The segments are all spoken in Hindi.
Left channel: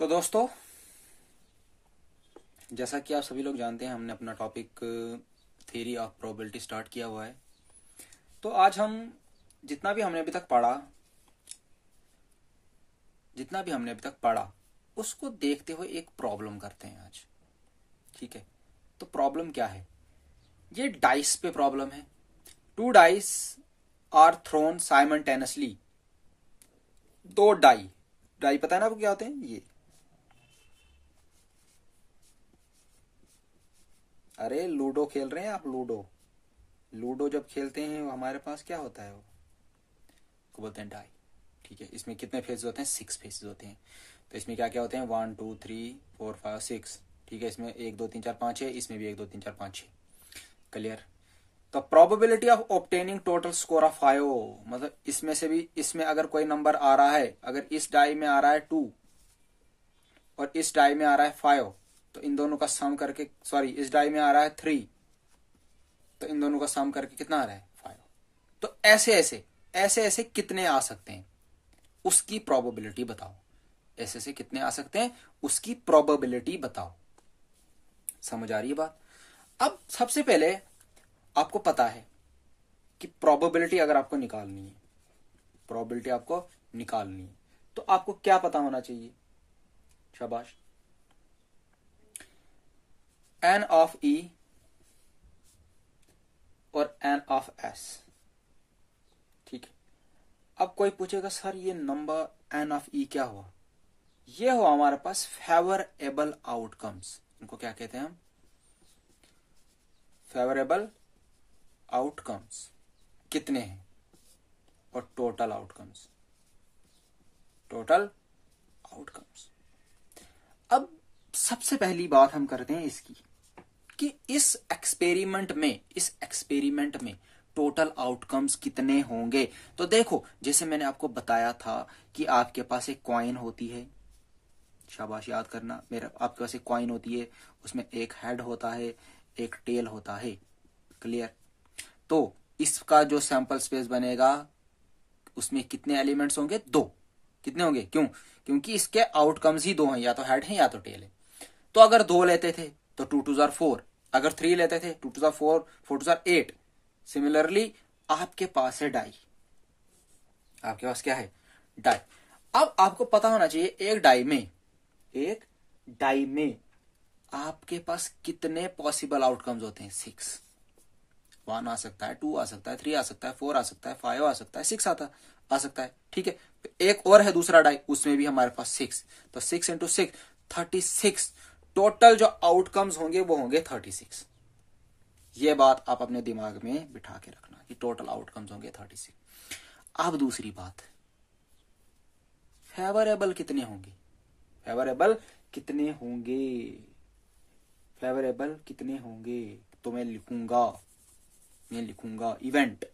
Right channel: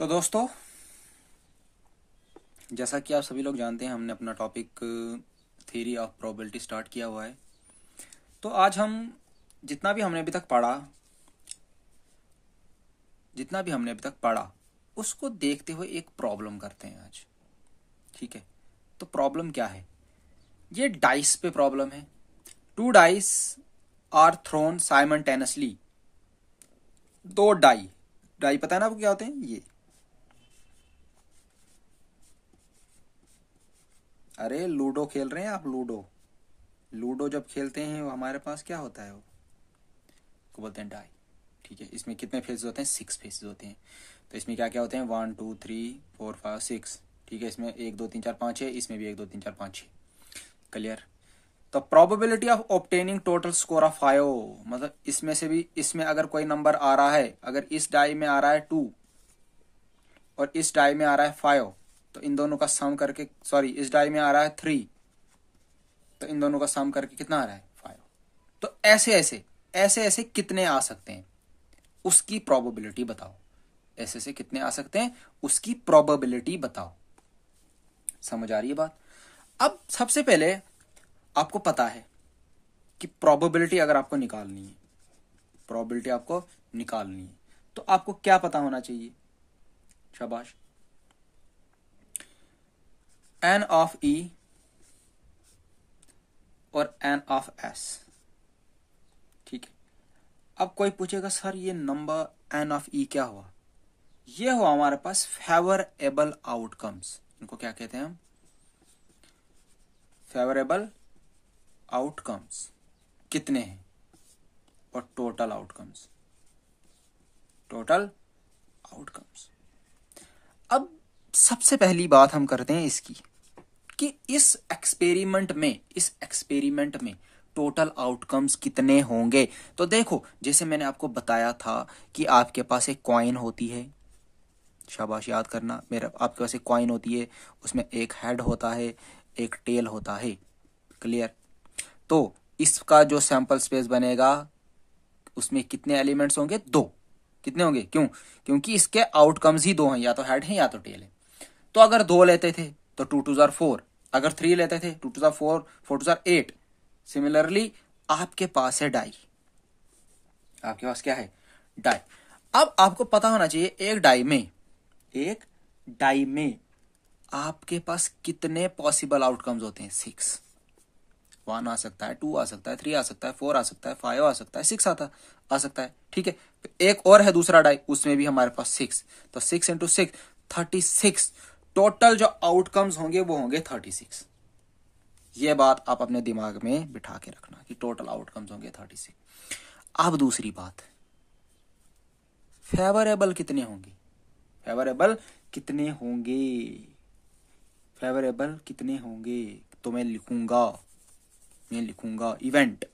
तो दोस्तों, जैसा कि आप सभी लोग जानते हैं, हमने अपना topic theory of probability start किया हुआ है। तो आज हम जितना भी हमने अभी तक पढ़ा उसको देखते हुए एक प्रॉब्लम करते हैं आज। ठीक है, तो प्रॉब्लम क्या है? ये डाइस पे प्रॉब्लम है। 2 dice are thrown simultaneously. 2 die पता है ना आपको क्या होते हैं? ये अरे लूडो खेल रहे हैं आप? लूडो जब खेलते हैं हमारे पास क्या होता है? वो को बोलते हैं डाई। ठीक है, इसमें कितने फेसेस होते हैं? 6 फेसेस होते हैं। तो इसमें क्या क्या होते हैं? 1 2 3 4 5 6। ठीक है, इसमें 1 2 3 4 5 है, इसमें भी 1 2 3 4 5 है। क्लियर? तो probability of obtaining total score of 5, मतलब इसमें से भी इसमें अगर कोई नंबर आ रहा है, अगर इस डाई में आ रहा है 2 और इस डाई में आ रहा है 5, तो इन दोनों का सम करके, सॉरी, इस डाई में आ रहा है 3, तो इन दोनों का सम करके कितना आ रहा है? 5। तो ऐसे ऐसे कितने आ सकते हैं उसकी प्रोबेबिलिटी बताओ। ऐसे ऐसे कितने आ सकते हैं उसकी प्रोबेबिलिटी बताओ। समझ आ रही है बात? अब सबसे पहले आपको पता है कि प्रोबेबिलिटी अगर आपको निकालनी है, तो आपको क्या पता होना चाहिए? शाबाश। एन ऑफ ई और एन ऑफ एस। ठीक है, अब कोई पूछेगा सर ये नंबर एन ऑफ ई क्या हुआ? ये हुआ हमारे पास फेवरेबल आउटकम्स। इनको क्या कहते हैं हम? फेवरेबल आउटकम्स कितने हैं, और टोटल आउटकम्स। अब सबसे पहली बात हम करते हैं इसकी कि इस एक्सपेरिमेंट में टोटल आउटकम्स कितने होंगे। तो देखो, जैसे मैंने आपको बताया था कि आपके पास एक कॉइन होती है। शाबाश, याद करना। मेरा आपके पास एक कॉइन होती है, उसमें एक हेड होता है, एक टेल होता है। क्लियर? तो इसका जो सैंपल स्पेस बनेगा उसमें कितने एलिमेंट्स होंगे? 2। कितने होंगे? क्योंकि इसके आउटकम्स ही 2 हैं, या तो हेड है या तो टेल है। तो अगर 2 लेते थे तो 2 2 जार 4, अगर 3 लेते थे 2 2 जार 4, 4 2 जार 8। सिमिलरली आपके पास है डाई। आपके पास क्या है? डाई। अब आपको पता होना चाहिए एक डाई में आपके पास कितने पॉसिबल आउटकम्स होते हैं? 6। 1 आ सकता है, 2 आ सकता है, 3 आ सकता है, 4 आ सकता है, 5 आ सकता है, 6 आ सकता है। ठीक है, एक और है दूसरा डाई, उसमें भी हमारे पास 6। तो 6 इंटू 6 36। टोटल जो आउटकम्स होंगे वो होंगे 36। ये बात आप अपने दिमाग में बिठा के रखना कि टोटल आउटकम्स होंगे 36। अब दूसरी बात, फेवरेबल कितने होंगे? तो मैं लिखूंगा event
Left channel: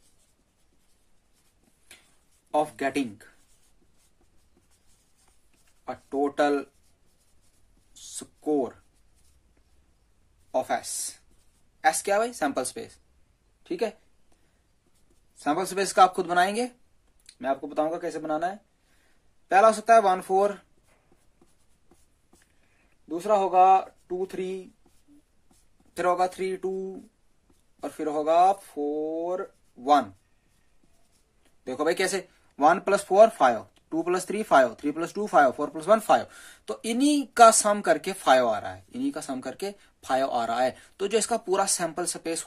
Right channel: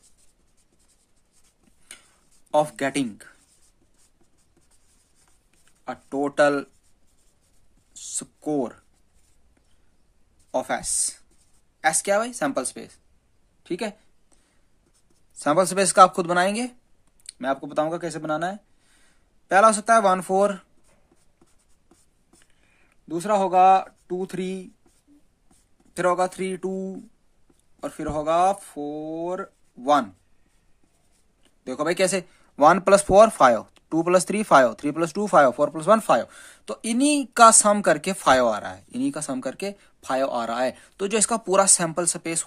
of getting a total score of S क्या है भाई? Sample space. ठीक है, सैंपल स्पेस का आप खुद बनाएंगे, मैं आपको बताऊंगा कैसे बनाना है। पहला हो सकता है 1 4, दूसरा होगा 2 3, फिर होगा 3 2, और फिर होगा 4 1। देखो भाई कैसे, 1 + 4 5, 2 + 3 5, 3 + 2 5, 4 + 1 5। तो इन्हीं का सम करके 5 आ रहा है। तो जो इसका पूरा सैंपल स्पेस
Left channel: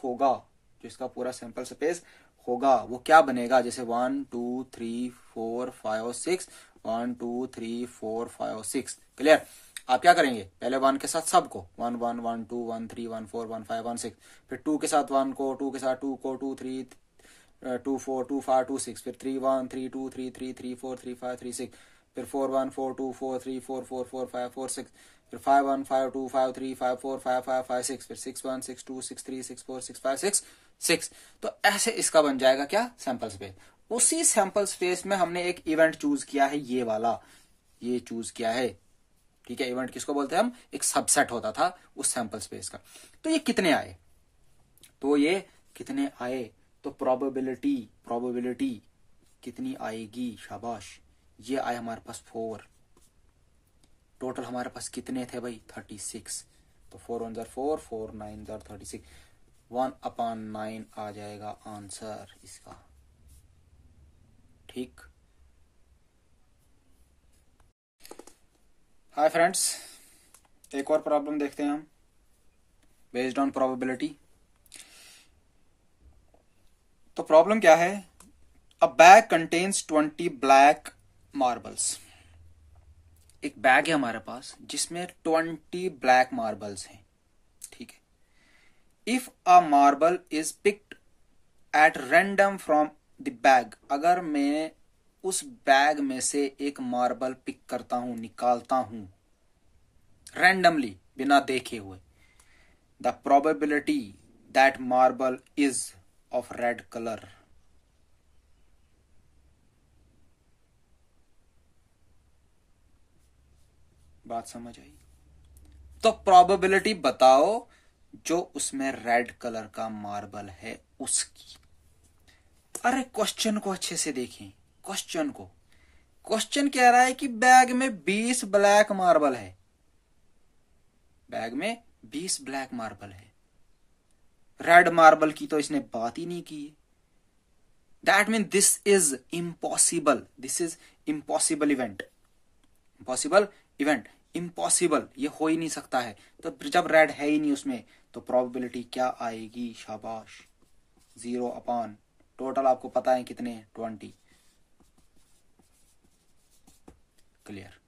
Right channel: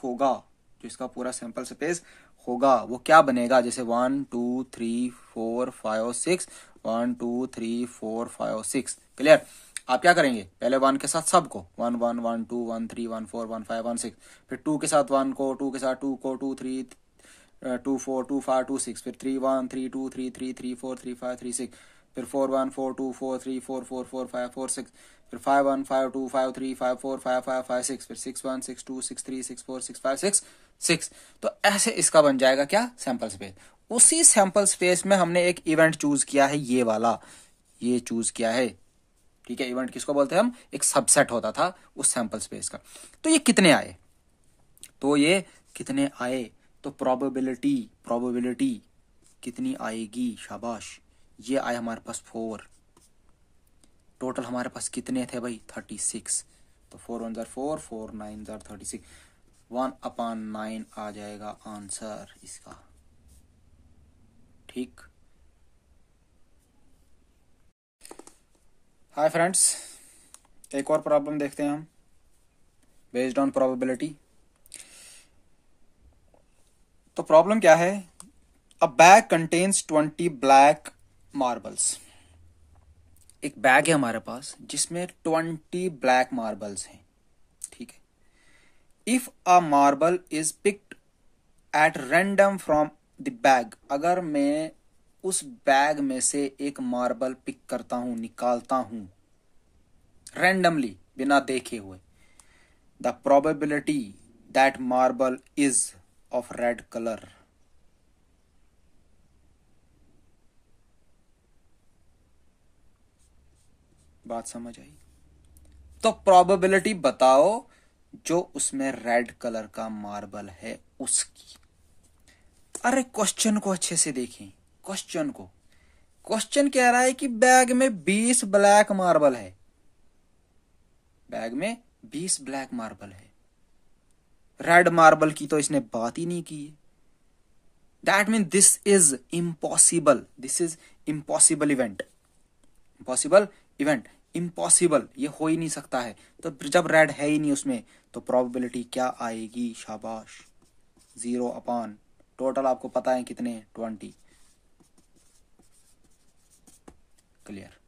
होगा वो क्या बनेगा? जैसे 1 2 3 4 5 6, 1 2 3 4 5 6। क्लियर? आप क्या करेंगे? पहले 1 के साथ सबको 1 1 1 2 1 3 1 4 1 5 1 6, फिर 2 के साथ 1 को, 2 के साथ 2 को, 2 3 2 4 2 5 2 6, फिर 3 1 3 2 3 3 3 4 3 5 3 6, फिर 4 1 4 2 4 3 4 4 4 5 4 6, फिर 5 1 5 2 5 3 5 4 5 5 5 6, फिर 6 1 6 2 6 3 6 4 6 5 6 6। तो ऐसे इसका बन जाएगा क्या? Sample space. उसी सैंपल स्पेस में हमने एक इवेंट चूज किया है, ये वाला, ये चूज किया है। ठीक है, इवेंट किसको बोलते हैं हम? एक सबसेट होता था उस सैंपल स्पेस का। तो ये कितने आए? तो प्रोबेबिलिटी कितनी आएगी? शाबाश, ये आए हमारे पास 4। टोटल हमारे पास कितने थे भाई? 36। तो 4 1 4, 4 9 36, 1/9 आ जाएगा आंसर इसका। ठीक। हाय फ्रेंड्स, एक और प्रॉब्लम देखते हैं हम बेस्ड ऑन प्रोबेबिलिटी। तो प्रॉब्लम क्या है? अ बैग कंटेन्स 20 ब्लैक मार्बल्स। एक बैग है हमारे पास जिसमें 20 ब्लैक मार्बल्स हैं। ठीक है। If a marble is picked at random from the bag, अगर मैं उस बैग में से एक मार्बल पिक करता हूं, निकालता हूं रैंडमली, बिना देखे हुए, the probability that marble is of red colour. बात समझ आई? तो प्रोबेबिलिटी बताओ जो उसमें रेड कलर का मार्बल है उसकी। अरे क्वेश्चन को अच्छे से देखें। क्वेश्चन कह रहा है कि बैग में 20 ब्लैक मार्बल है। बैग में 20 ब्लैक मार्बल है। रेड मार्बल की तो इसने बात ही नहीं की है। That mean this is impossible. This is impossible event. Impossible, ये हो ही नहीं सकता है। तो जब रेड है ही नहीं उसमें, तो प्रोबेबिलिटी क्या आएगी? शाबाश, 0/, टोटल आपको पता है कितने? 20। क्लियर।